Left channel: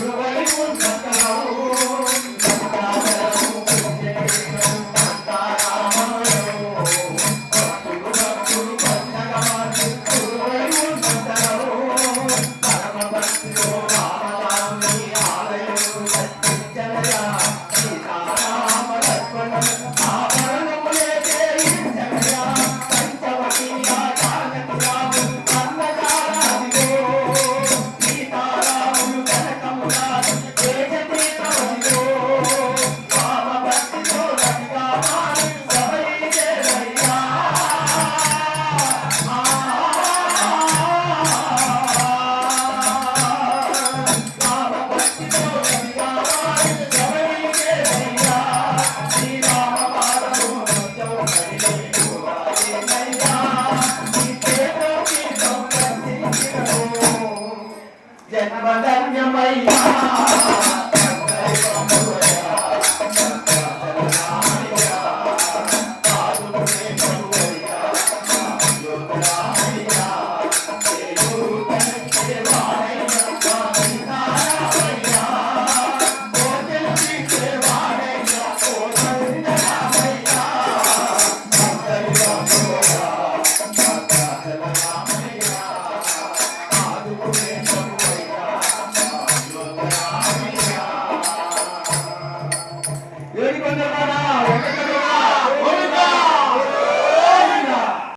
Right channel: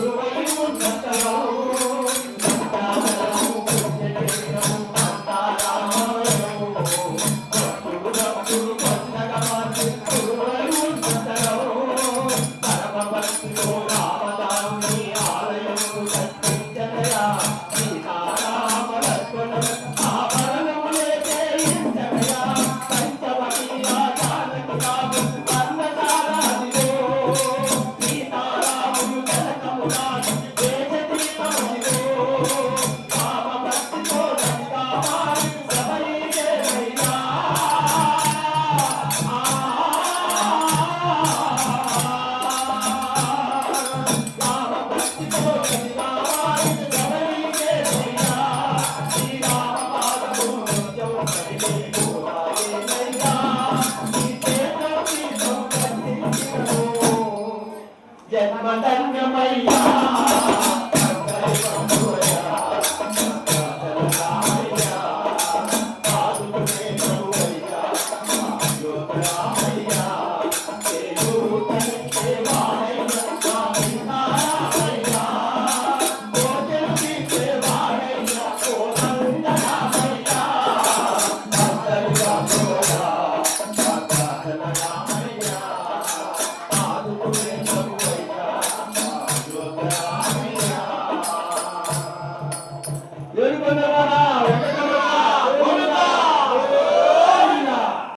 Thank you. Hare Rama